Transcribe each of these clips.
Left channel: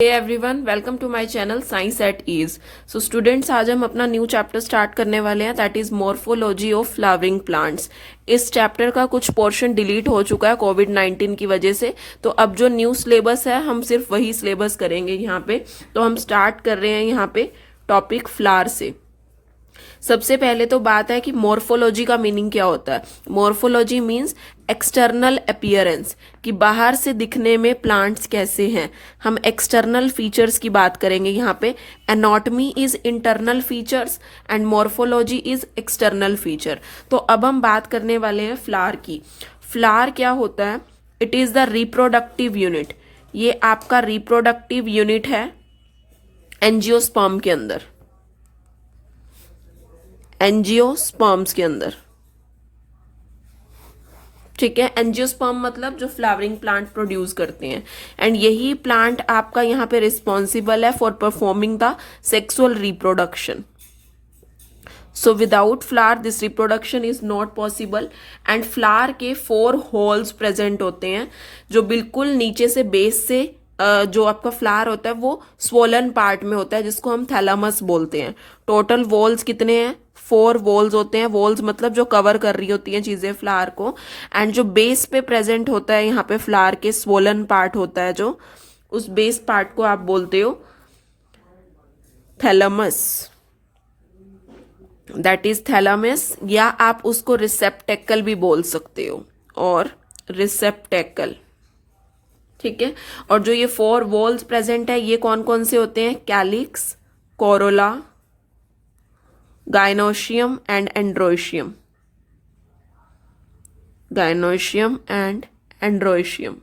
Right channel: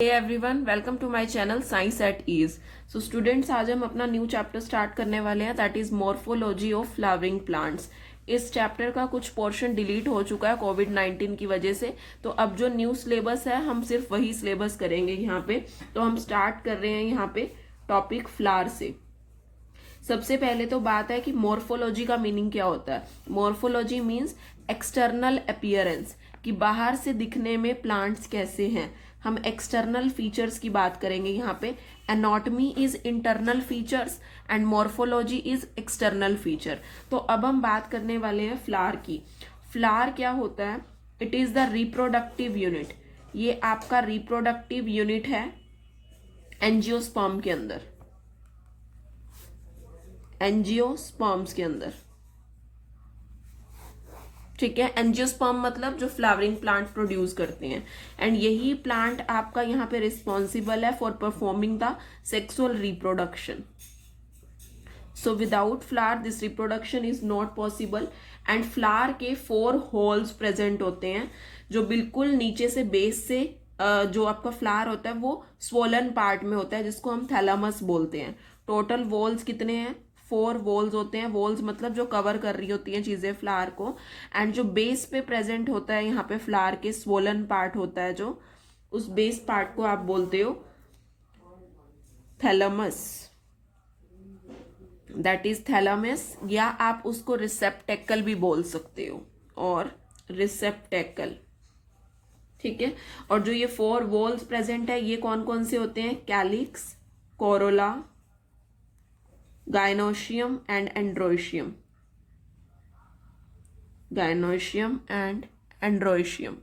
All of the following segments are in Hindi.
Hey everyone, welcome to my channel science at ease. So students, आज हम अपना न्यू चैप्टर स्टार्ट करने वाले हैं, that is morphology of flowering plants. इस चैप्टर का कुछ पोर्शन डिलीट हो चुका है कोविड-19 की वजह से, तो अब जो न्यू सिलेबस है हम सिर्फ वही सिलेबस करेंगे यहाँ पे। तो हम स्टार्ट कर रहे हैं यहाँ पे टॉपिक फ्लावर से। सबसे पहले तो बात है कि मॉर्फोलॉजी का मीनिंग क्या होता है। मॉर्फोलॉजी मीन्स एक्सटर्नल अपीयरेंस, कि बाहर से दिखने में प्लांट्स कैसे हैं। हम एक्सटर्नल फीचर्स की बात करेंगे यहाँ पे। Anatomy is internal features and morphology is external feature. तो अब हम बात करने वाले हैं फ्लावर की। फ्लावर क्या होता है? It is the reproductive unit. ये आपका रिप्रोडक्टिव यूनिट है एंजियोस्पर्म के अंदर, एंजियोस्पर्म्स के अंदर। ठीक है, एंजियोस्पर्म मतलब जो फ्लावरिंग प्लांट प्रोड्यूस करते हैं, एंड यही प्लांट आपका यहाँ पे रिस्पॉन्सिबल है for performing the sexual reproduction. So without flower this reproduction is not possible. And flower के 4 होल्स प्रेजेंट होते हैं, जो बिल्कुल नीचे से बेस से जो आपका फ्लावर होता है वो स्वोलन पार्ट में होता है, जिसको हम थैलामस बोलते हैं। टोटल वॉल्स कितने हैं? 4 वॉल्स होते हैं। वॉल्स मतलब जो कवर कर रही होती हैं चीजें फ्लावर को। एंड जो बेस पे प्रेजेंट होता है यहाँ पे फ्लावर के स्वोलन पार्ट होता है, जो उस बेस पार्ट को आप बोलते हो थैलामस, दैट इज थैलामस, या आप उसको रिसेप्टेकल भी बोल सकते हो, और रिसेप्टेकल। ठीक है, और जो ये 4 वॉल्स प्रेजेंट है ये कौन कौन से होते हैं? Calyx, corolla, gynoecium and androecium. Gynoecium and androecium,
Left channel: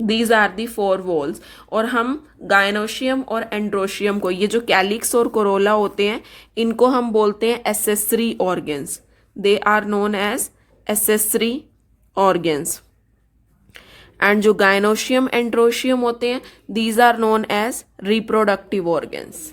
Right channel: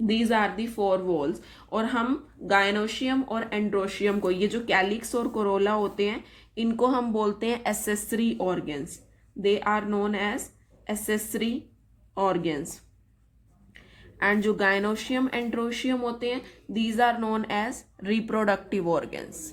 these are the 4 whorls. और हम गाइनोशियम और एंड्रोशियम को, ये जो कैलिक्स और कोरोला होते हैं, इनको हम बोलते हैं accessory organs. They are known as accessory organs. And जो गाइनोशियम एंड्रोशियम होते हैं, these are known as reproductive organs.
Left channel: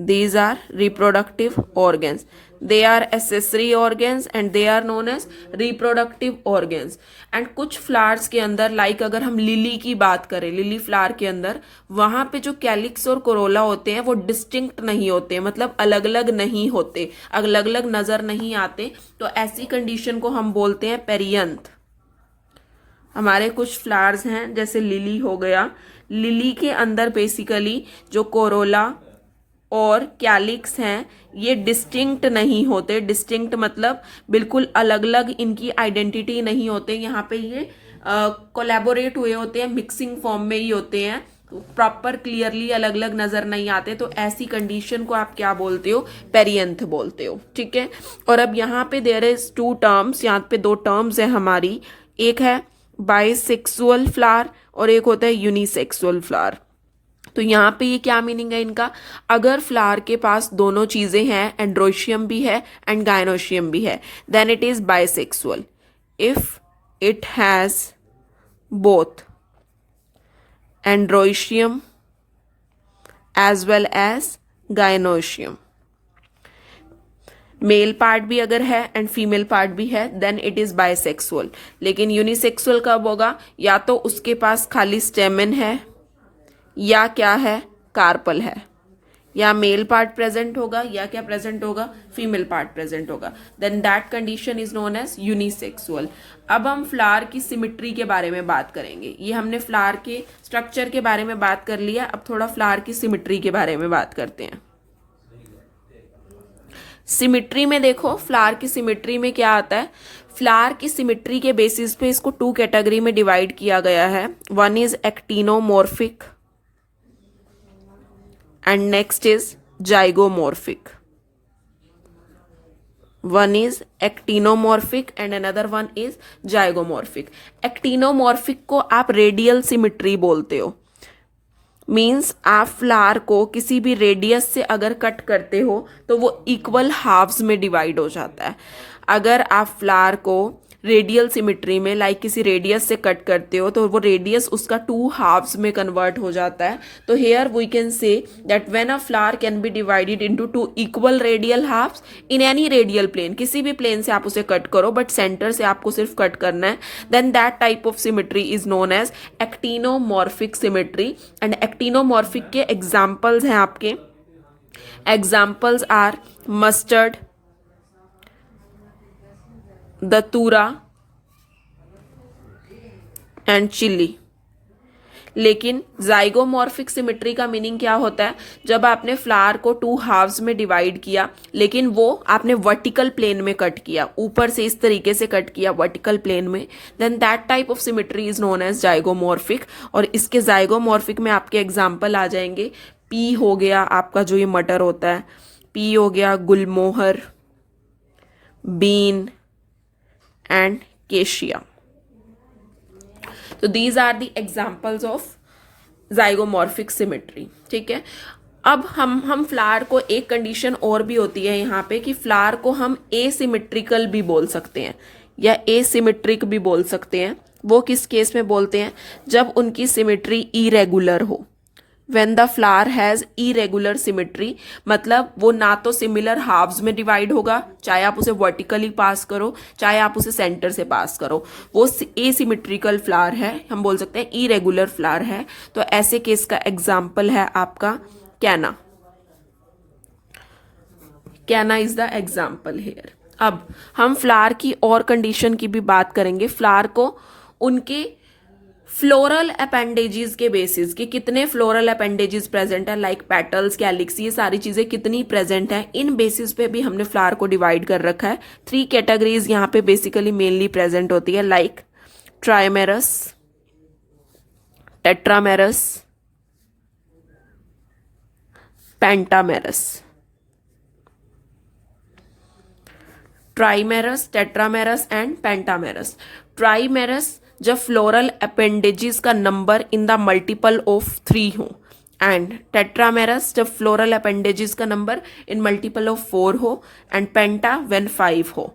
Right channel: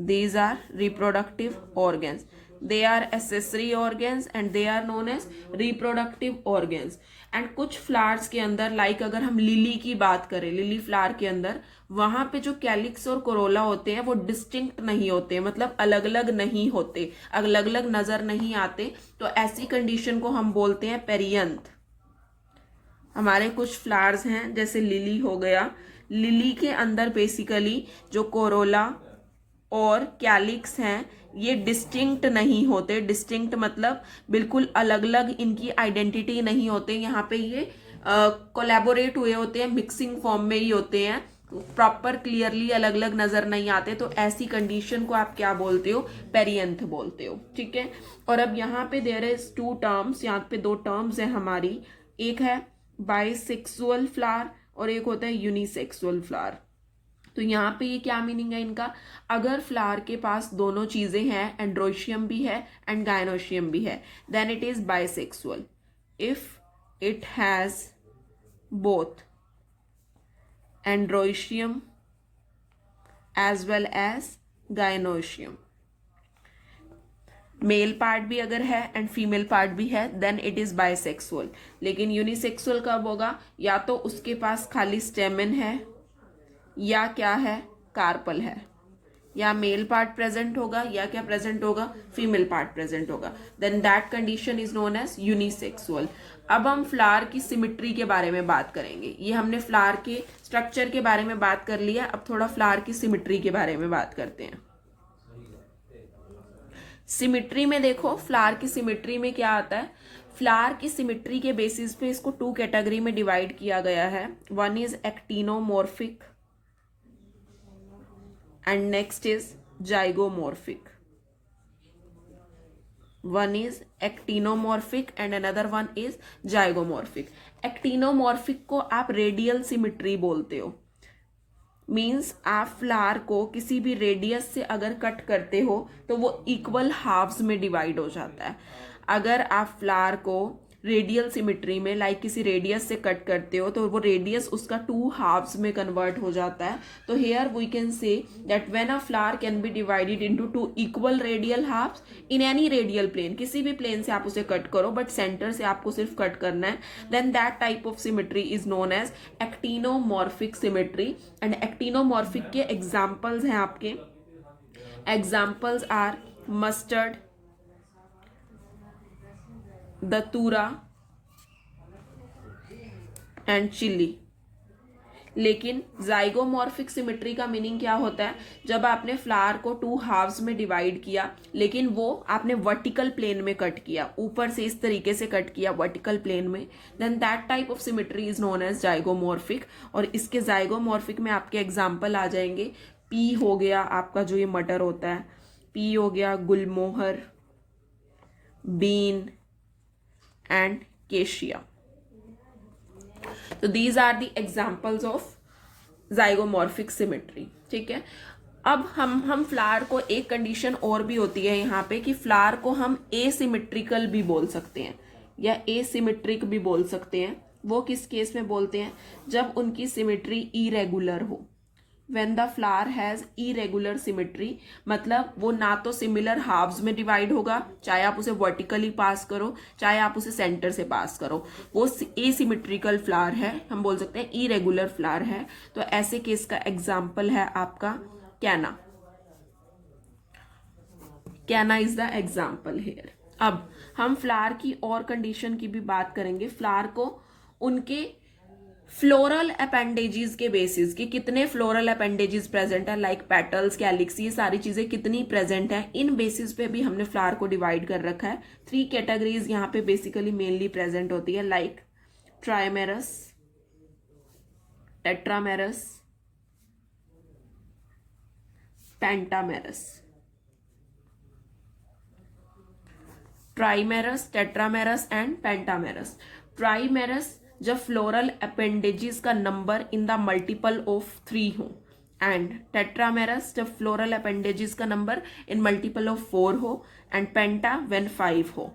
These are reproductive organs. They are accessory organs and they are known as reproductive organs. And कुछ फ्लावर्स के अंदर, लाइक अगर हम लिली की बात करें, लिली फ्लावर के अंदर वहां पे जो कैलिक्स और कोरोला होते हैं वो डिस्टिंक्ट नहीं होते, मतलब अलग अलग नहीं होते, अलग अलग नजर नहीं आते। तो ऐसी कंडीशन को हम बोलते हैं पेरियंथ। हमारे कुछ फ्लावर्स हैं जैसे लिली हो गया, लिली के अंदर बेसिकली जो कोरोला और कैलिक्स हैं ये डिस्टिंक्ट नहीं होते। डिस्टिंक्ट मतलब बिल्कुल अलग अलग इनकी आइडेंटिटी नहीं होते। यहाँ पे ये कोलैबोरेट हुए होते हैं, मिक्सिंग फॉर्म में ही होते हैं, प्रॉपर क्लियरली अलग अलग नजर नहीं आते। तो ऐसी कंडीशन को आप क्या बोलते हो? पेरियंथ बोलते हो। ठीक है, और अब यहाँ पे देयर इज 2 टर्म्स, यहाँ पे 2 टर्म्स है हमारी। एक है बाइसेक्सुअल फ्लावर और एक होता है यूनिसेक्सुअल फ्लावर। तो यहाँ पे ये क्या मीनिंग है इनका? अगर फ्लावर के पास दोनों चीजें हैं, एंड्रोशियम भी है एंड गाइनोशियम भी है, then it is bisexual. If it has both androecium as well as gynoecium, male part भी अगर है एंड फीमेल पार्ट भी है, देन इट इज बाइसेक्सुअल। लेकिन यूनिसेक्सुअल कब होगा? या तो उसके पास खाली स्टेमन है, या क्या है, कार्पल है, या मेल पार्ट प्रेजेंट होगा, या क्या प्रेजेंट होगा, फीमेल पार्ट प्रेजेंट होगा, then that condition is known as unisexual. अब हम फ्लावर की सिमिट्री के बारे में बात करेंगे। ये हमने फ्लावर के स्ट्रक्चर के बारे में बात कर लिया, अब थोड़ा फ्लावर की सिमिट्री के बारे में बात करते हैं। सिमिट्री में देखो, फ्लावर की सिमिट्री में क्या आता है? फ्लावर की सिमिट्री के बेसिस पे इसको 2 कैटेगरी में डिवाइड किया गया है। One is actinomorphic and next is zygomorphic. One is actinomorphic and another one is zygomorphic. Actinomorphic को आप रेडियल सिमिट्री बोलते हो। मीन्स आप फ्लावर को किसी भी रेडियस से अगर कट करते हो तो वो इक्वल हाफ्स में डिवाइड हो जाता है। अगर आप फ्लावर को रेडियल सिमिट्री में लाइक किसी रेडियस से कट करते हो तो वो रेडियस उसका 2 हाफ्स में कन्वर्ट हो जाता है. तो here we can say that when a flower can be divided into 2 equal radial halves in any radial plane, किसी भी प्लेन से आप उसे कट करो बट सेंटर से आपको सिर्फ कट करना है, then that type of symmetry is known as actinomorphic symmetry. And actinomorphic के एग्जाम्पल्स हैं आपके. Examples are mustard, datura and chilli. लेकिन जाइगोमॉर्फिक सिमिट्री का मीनिंग क्या होता है? जब आपने फ्लावर को 2 हाफ्स में डिवाइड किया लेकिन वो आपने वर्टिकल प्लेन में कट किया, ऊपर से इस तरीके से कट किया वर्टिकल प्लेन में, then that type of symmetry is known as zygomorphic. और इसके जाइगोमॉर्फिक में आपके एग्जाम्पल आ जाएंगे. पी हो गया आपका जो ये मटर होता है, पी हो गया गुलमोहर, बीन एंड केशिया. तो these are the examples of zygomorphic symmetry. ठीक है. अब हम फ्लावर को, एक कंडीशन और भी होती है यहाँ पे कि फ्लावर को हम एसिमेट्रिकल भी बोल सकते हैं या एसिमेट्रिक भी बोल सकते हैं. वो किस केस में बोलते हैं? जब उनकी सिमिट्री इरेगुलर हो. when the flower has irregular symmetry, मतलब वो ना तो सिमिलर हाफ्स में डिवाइड होगा, चाहे आप उसे वर्टिकली पास करो चाहे आप उसे सेंटर से पास करो, वो एसिमेट्रिकल फ्लावर है, हम बोल सकते हैं इरेगुलर फ्लावर है. तो ऐसे केस का एग्जाम्पल है आपका कैना. कैना इज द एग्जाम्पल हेयर. अब हम फ्लावर की और कंडीशन की भी बात करेंगे. फ्लावर को उनके फ्लोरल अपेंडेजेस के बेसिस कि कितने फ्लोरल अपेंडेजेस प्रेजेंट है, लाइक पेटल्स, कैलिक्स, ये सारी चीजें कितनी प्रेजेंट है, इन बेसिस पे भी हमने फ्लावर को डिवाइड कर रखा है. 3 कैटेगरीज यहाँ पे बेसिकली मेनली प्रेजेंट होती है, like ट्राइमेरस, tetramerous, pentamerous. ट्राइमेरस, tetramerous and pentamerous. ट्राइमेरस जब फ्लोरल अपेंडेजेस का number in the multiple of 3 हो, एंड टेट्रामेरस जब फ्लोरल अपेंडेजेस का नंबर इन मल्टीपल ऑफ 4 हो, एंड पेंटा व्हेन 5 हो.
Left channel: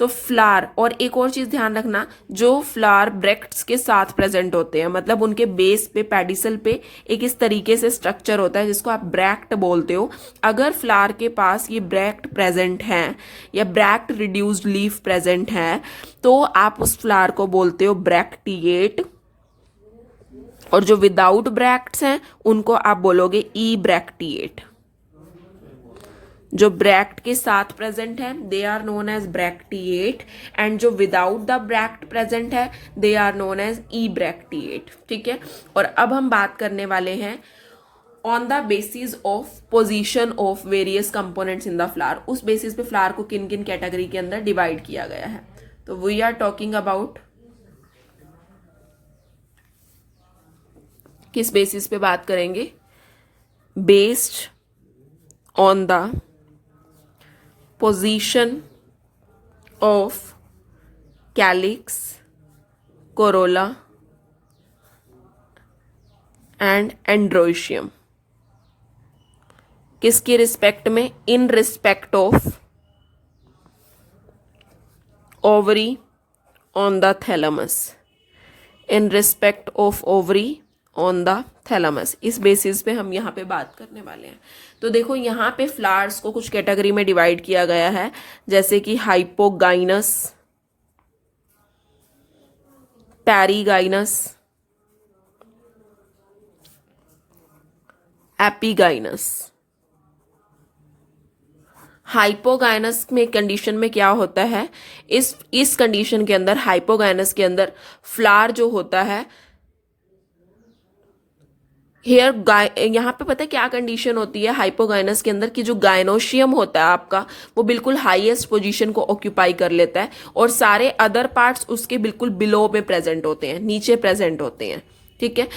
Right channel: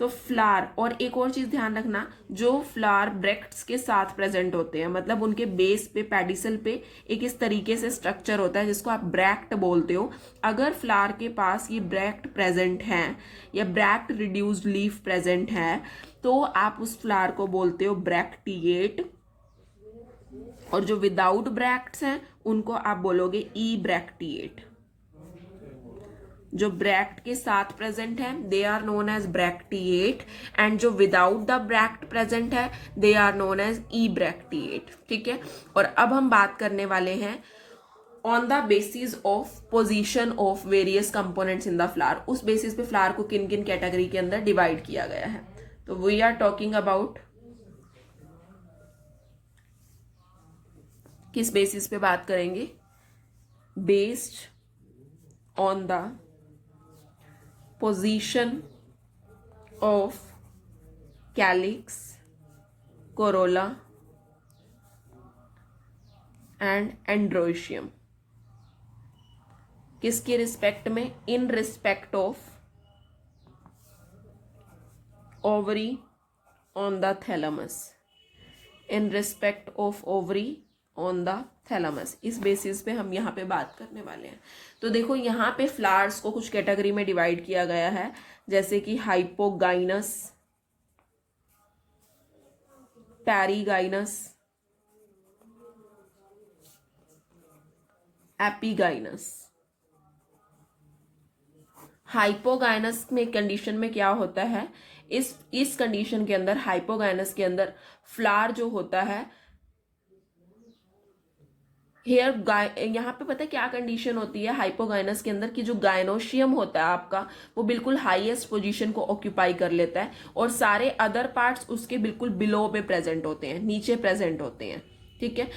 तो फ्लावर, और एक और चीज ध्यान रखना, जो फ्लावर ब्रैक्ट्स के साथ प्रेजेंट होते हैं, मतलब उनके बेस पे, पेडिसल पे एक इस तरीके से स्ट्रक्चर होता है जिसको आप ब्रैक्ट बोलते हो. अगर फ्लावर के पास ये ब्रैक्ट प्रेजेंट है या ब्रैक्ट रिड्यूस्ड लीफ प्रेजेंट है तो आप उस फ्लावर को बोलते हो ब्रैक्टिएट. और जो विदाउट ब्रैक्ट्स हैं उनको आप बोलोगे ई ब्रैक्टिएट. जो ब्रैक्ट के साथ प्रेजेंट है they are known as bracteate, and जो विदाउट द ब्रैक्ट प्रेजेंट है they are known as ebracteate. ठीक है. और अब हम बात करने वाले हैं on the basis of position of various components in the flower. उस बेसिस पे फ्लावर को किन किन कैटेगरी के अंदर डिवाइड किया गया है. तो वी आर टॉकिंग अबाउट, किस बेसिस पे बात करेंगे? Based on the position of calyx, corolla and androecium. किसकी रिस्पेक्ट में? In respect of ovary on the thalamus. In respect of ovary on the thalamus. इस बेसिस पे हम यहाँ पे बात करने वाले हैं. तो देखो यहाँ पे फ्लावर्स को कुछ कैटेगरी में डिवाइड किया गया है, जैसे कि हाइपोगाइनस, पैरीगाइनस, एपीगाइनस. हाइपोगाइनस में कंडीशन में क्या होता है, इस कंडीशन के अंदर, हाइपोगाइनस के अंदर फ्लावर जो होता है, हेयर यहाँ पे पता है क्या कंडीशन होती है हाइपोगाइनस के अंदर, कि जो गायनोशियम होता है आपका वो बिल्कुल हाईएस्ट पोजीशन को ऑक्यूपाई कर लेता है और सारे अदर पार्ट्स उसके बिल्कुल बिलो में प्रेजेंट होते हैं, नीचे प्रेजेंट होते हैं. ठीक है.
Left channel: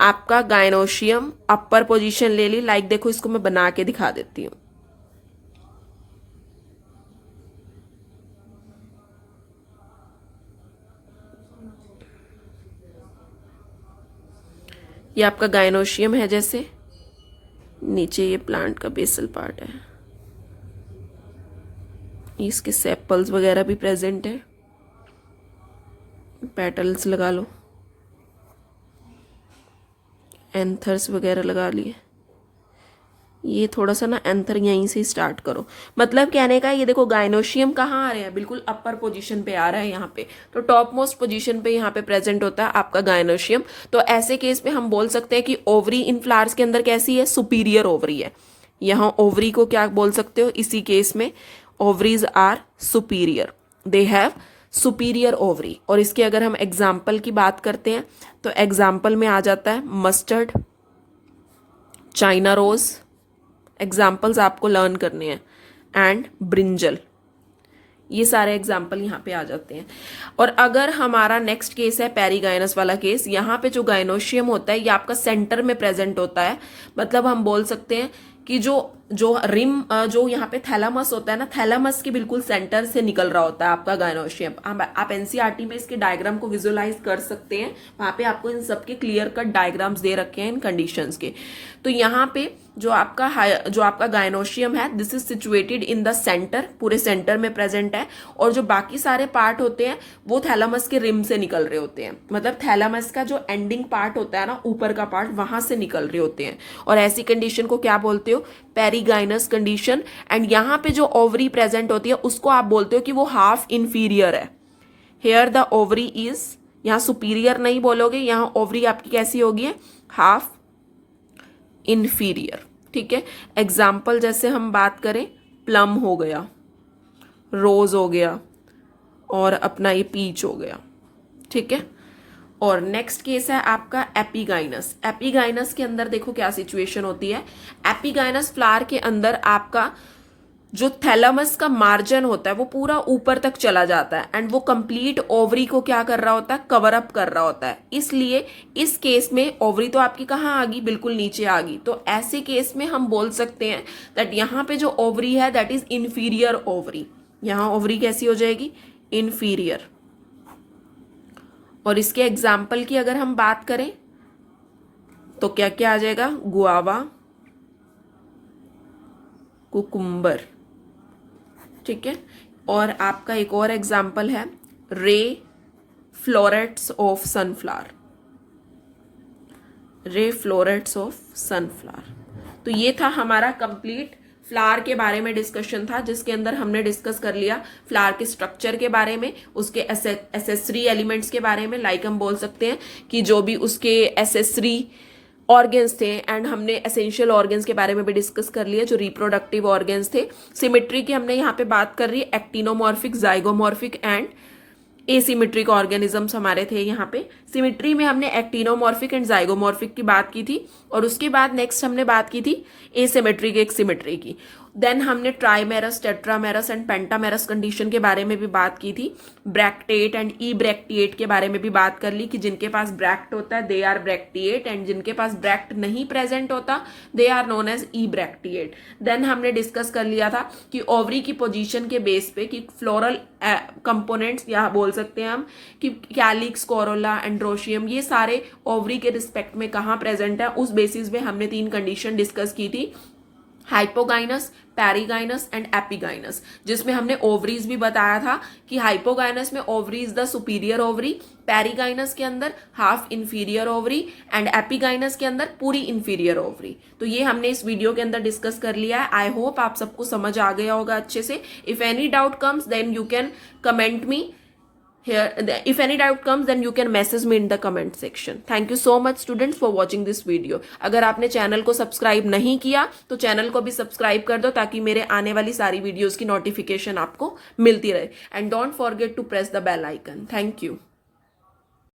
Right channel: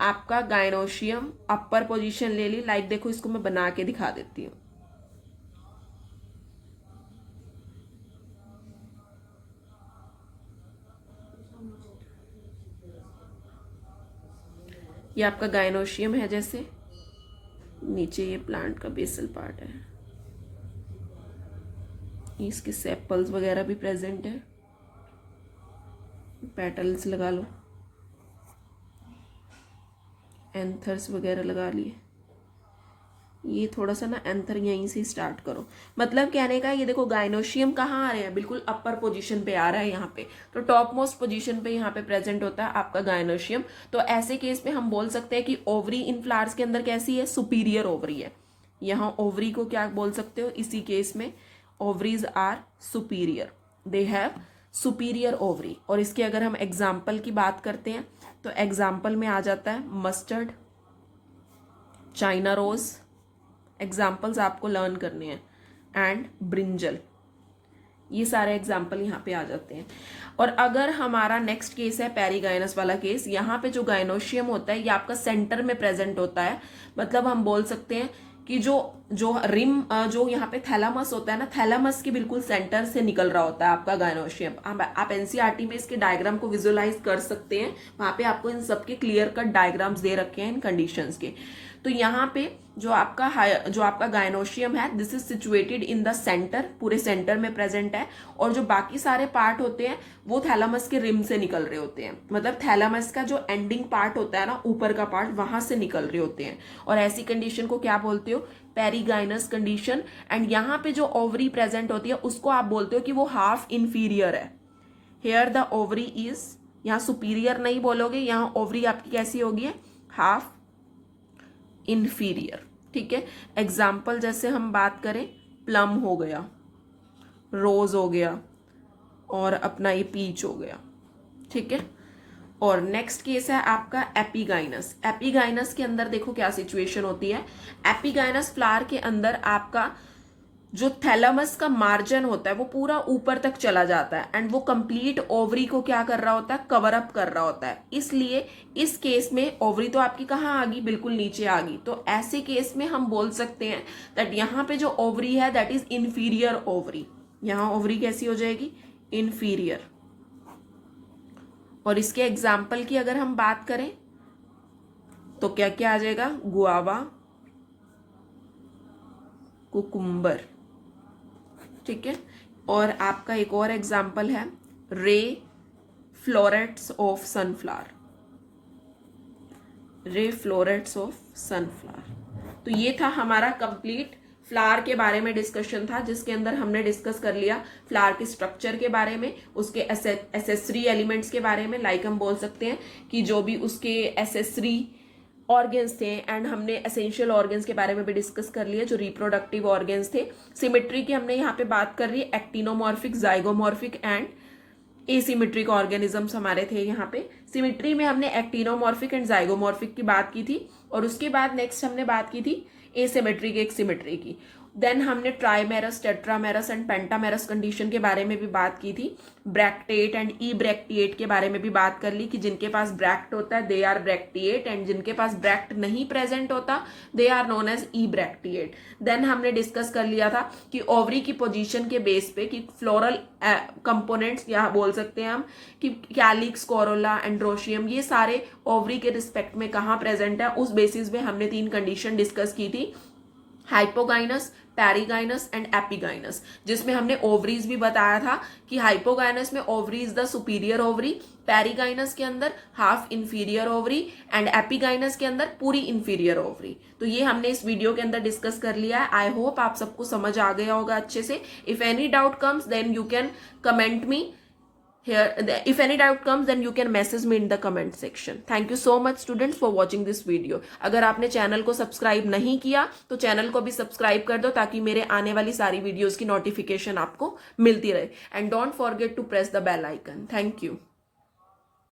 आपका गायनोशियम अपर पोजीशन ले ली, लाइक देखो इसको मैं बना के दिखा देती हूँ. ये आपका गायनोशियम है, जैसे नीचे ये प्लांट का बेसल पार्ट है, इसके सेपल्स वगैरह भी प्रेजेंट है. पेटल्स लगा लो, एंथर्स वगैरह लगा लिए। ये थोड़ा सा ना एंथर यहीं से स्टार्ट करो, मतलब कहने का ये देखो गाइनोशियम कहाँ आ रहे हैं, बिल्कुल अपर पोजीशन पे आ रहा है यहाँ पे, तो टॉप मोस्ट पोजीशन पे यहाँ पे प्रेजेंट होता है आपका गाइनोशियम। तो ऐसे केस में हम बोल सकते हैं कि ओवरी इन फ्लावर्स के अंदर कैसी है, सुपीरियर ओवरी है। यहाँ ओवरी को क्या बोल सकते हो, इसी केस में ovaries are superior, they have superior ovary. और इसके अगर हम एग्जाम्पल की बात करते हैं तो एग्जाम्पल में आ जाता है मस्टर्ड, चाइना रोज, एग्जाम्पल्स आपको लर्न करने हैं, एंड ब्रिंजल, ये सारे एग्जाम्पल यहाँ पे आ जाते हैं। और अगर हमारा नेक्स्ट केस है पेरीगाइनस वाला केस, यहाँ पे जो गाइनोशियम होता है ये आपका सेंटर में प्रेजेंट होता है, मतलब हम बोल सकते हैं कि जो रिम जो यहाँ पे थैलामस होता है ना, थैलामस के बिल्कुल सेंटर से निकल रहा होता है आपका गाइनोशियम। आप एनसीईआरटी में इसके डायग्राम को विजुअलाइज कर सकते हैं, वहां पे आपको इन सबके क्लियर कट डायग्राम्स दे रखे हैं इन कंडीशंस के। तो यहाँ पे जो आपका गाइनोशियम है, this is situated in the centre, पूरे सेंटर में प्रेजेंट है, और जो बाकी सारे पार्ट होते हैं वो थैलामस के रिम से निकल रहे होते हैं, मतलब थैलामस का जो एंडिंग पार्ट होता है ना, ऊपर का पार्ट, वहां से निकल रहे होते हैं। और ऐसी कंडीशन को क्या बोलते हो, पेरीगाइनस कंडीशन। एंड यहाँ पे जो ओवरी प्रेजेंट होती है उसको आप बोलते हो कि वो हाफ इंफीरियर है। हेयर द ओवरी इज, यहाँ सुपीरियर नहीं बोलोगे, यहाँ ओवरी आपकी कैसी होगी, हाफ इंफीरियर। ठीक है, एग्जाम्पल जैसे हम बात करें, प्लम हो गया, रोज हो गया, और अपना ये पीच हो गया। ठीक है, और नेक्स्ट केस है आपका एपिगाइनस। एपिगाइनस के अंदर देखो क्या सिचुएशन होती है, एपिगाइनस फ्लावर के अंदर आपका जो थैलामस का मार्जिन होता है वो पूरा ऊपर तक चला जाता है, एंड वो कंप्लीट ओवरी को क्या कर रहा होता है, कवर अप कर रहा होता है। इसलिए इस केस में ओवरी तो आपकी कहाँ आ गई, बिल्कुल नीचे आ गई। तो ऐसे केस में हम बोल सकते हैं दैट यहाँ पे जो ओवरी है दैट इज इंफीरियर ओवरी। यहाँ ओवरी कैसी हो जाएगी, इंफीरियर। और इसके एग्जाम्पल की अगर हम बात करें तो क्या क्या आ जाएगा, गुआवा, कुकुम्बर। ठीक है, और आपका एक और एग्जाम्पल है ray florets of sunflower, ray florets of sunflower. तो ये था हमारा कंप्लीट फ्लावर के बारे में डिस्कशन था, जिसके अंदर हमने डिस्कस कर लिया फ्लावर के स्ट्रक्चर के बारे में, उसके एसेसरी एलिमेंट्स के बारे में, लाइक हम बोल सकते हैं कि जो भी उसके एसेसरी ऑर्गेन्स थे, एंड हमने एसेंशियल ऑर्गेन्स के बारे में भी डिस्कस कर लिया जो रिप्रोडक्टिव ऑर्गेन्स थे। सिमेट्री की हमने यहाँ पे बात कर रही है, actinomorphic, zygomorphic and asymmetric organisms हमारे थे यहाँ पे। सिमेट्री में हमने एक्टिनोमॉर्फिक एंड जाइगोमॉर्फिक की बात की थी, और उसके बाद नेक्स्ट हमने बात की थी एसिमेट्रिक एक सिमेट्री की। देन हमने ट्राइमेरस, टेट्रामेरस एंड पेंटामेरस कंडीशन के बारे में भी बात की थी। ब्रैक्टेट एंड ई ब्रैक्टिएट के बारे में भी बात कर ली कि जिनके पास ब्रैक्ट होता है दे आर ब्रैक्टिएट, एंड जिनके पास ब्रैक्ट नहीं प्रेजेंट होता they are known as ebracteate. Then हमने डिस्कस कर लिया था कि ओवरी की पोजीशन के बेस पे कि फ्लोरल कंपोनेंट्स या बोल सकते हैं हम कि कैलिक्स, कोरोला, एंड्रोशियम, ये सारे ओवरी के रिस्पेक्ट में कहाँ प्रेजेंट है, उस बेसिस पे हमने 3 कंडीशन डिस्कस की थी, हाइपोगाइनस, पेरीगाइनस एंड एपिगाइनस, जिसमें हमने ओवरीज भी बताया था कि हाइपोगाइनस में ovary is the superior ovary, perigynous के अंदर half inferior ovary, and epigynous के अंदर पूरी इंफीरियर ओवरी। तो ये हमने इस वीडियो के अंदर डिस्कस कर लिया है। आई होप आप सबको समझ आ गया होगा अच्छे से। If any doubt comes then you can comment me here. If any doubt comes then you can message me in the comment section. Thank you so much students for watching this video. अगर आपने चैनल को सब्सक्राइब नहीं किया तो चैनल को भी सब्सक्राइब कर दो ताकि मेरे आने वाली सारी वीडियोस की नोटिफिकेशन आपको मिलती रहे, and don't forget to press the bell icon. Thank you.